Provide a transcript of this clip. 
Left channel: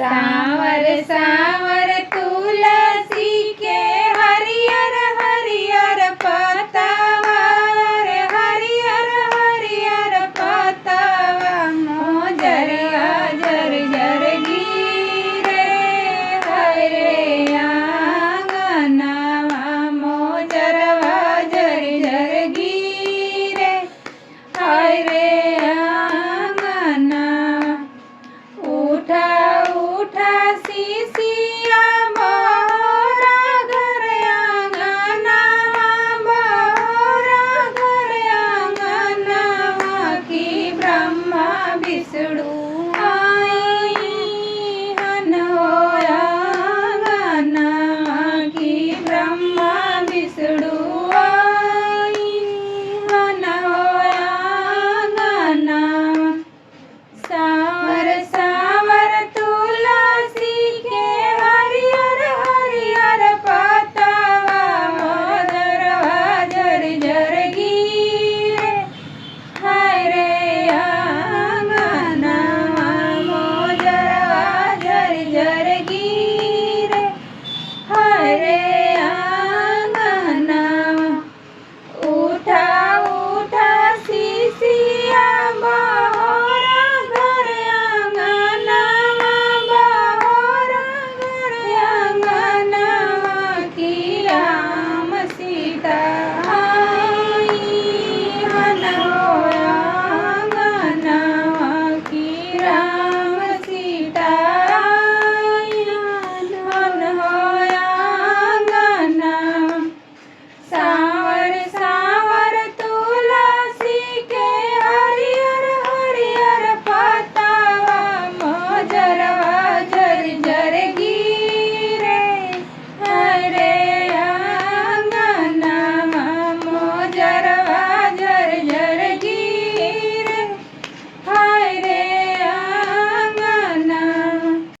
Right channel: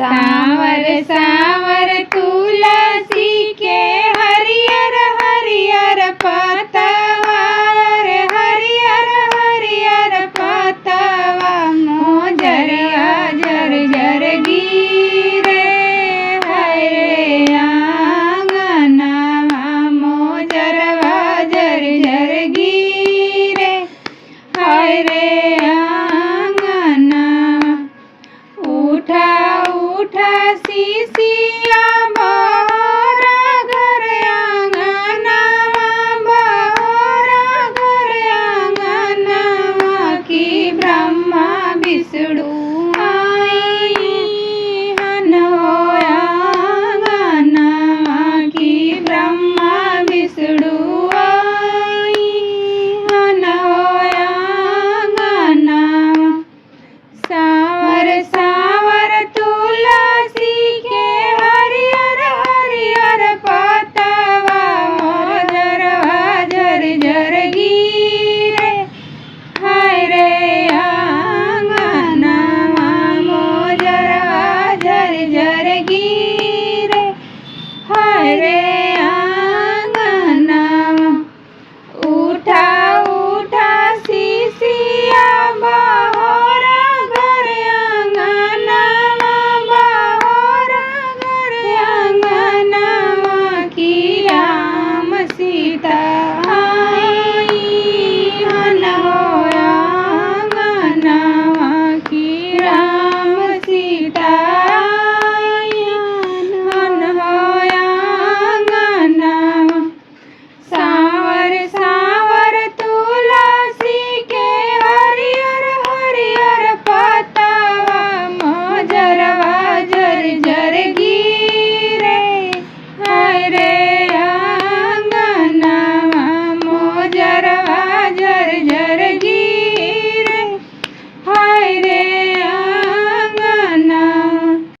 सांवर सांवर तुलसी के हरियर हरियर पतवा रे हरियर हरियर पतवा मोजरिया जर जर गिरे हाय रे आंगनवा मोजरवा जर जर गिरे हाय रे आंगनवा उठा उठा सीसी